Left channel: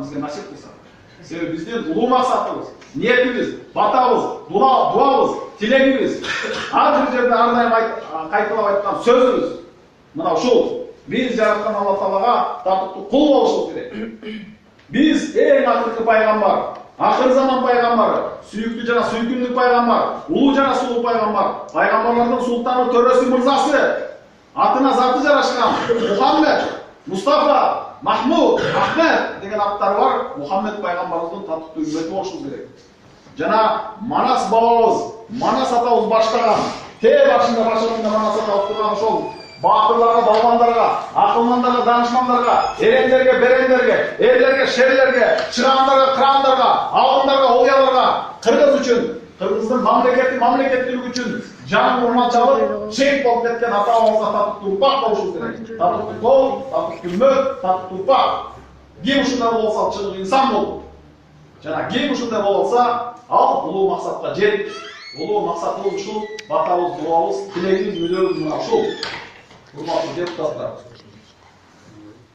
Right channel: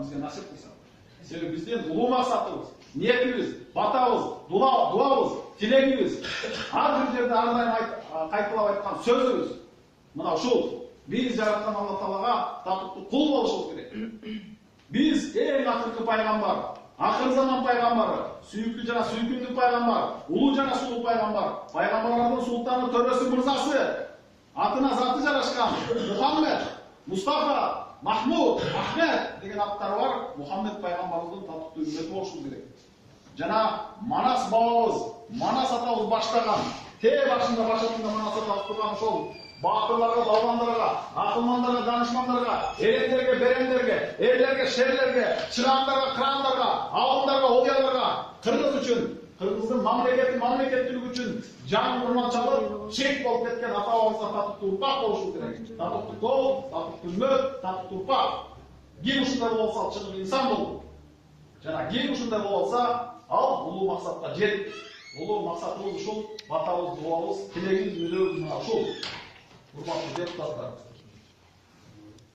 жолдарын бізге насип қылсын. Себебі бізден ұлы мақсатымыз, ниетіміз, батабыз, дуабыз, тілегіміз, әрбір жерде әрдайым қайталап айтқан сөзіміз мынау ушул. Biz жараткан Алла Таалага татыктуу кул болушубуз керек. Biz эң акыркы пайгамбар, акыр заман пайгамбары, сүйүктүү жана сүйкүмдүү пайгамбар, улуу жана сулуу пайгамбар, пайгамбарлардын султаны, төрөсү, мырзасы, атына заты жарашкан Мухаммед, Мустафа, Махмуд, Ахмед деген аттары бар Мухаммед пайгамбарыбыздын татыктуу үммөтү болушубуз керек. Жана Манас бабабыз, Манас атабыз баштаган, башында Манас атабыз турган ошол батырларга, балбандарга, акылмандарга, данышмандарга, эрендерге, берендерге, эрлерге, шерлерге, чыгандарга, кырандарга, алгындарга, оуяларга, кыргыз үчүн, кыргыздын мамлекеттүүлүгү үчүн жанын урман чалып, шейит болуп кеткен ата-бабабызга татыктуу урпак болушубуз керек. Татыктуу кол, татыктуу үммөт, татыктуу урпак. Ким ушундай болсо чындык инсан болду. Жана ким ушундай болсо, ал улуу максатка жетип, улуу максатыбыз ушул, батабыз, дуабыз, тилегибиз, мүдөөбүз мына ушул. Урматтуу депутаттар,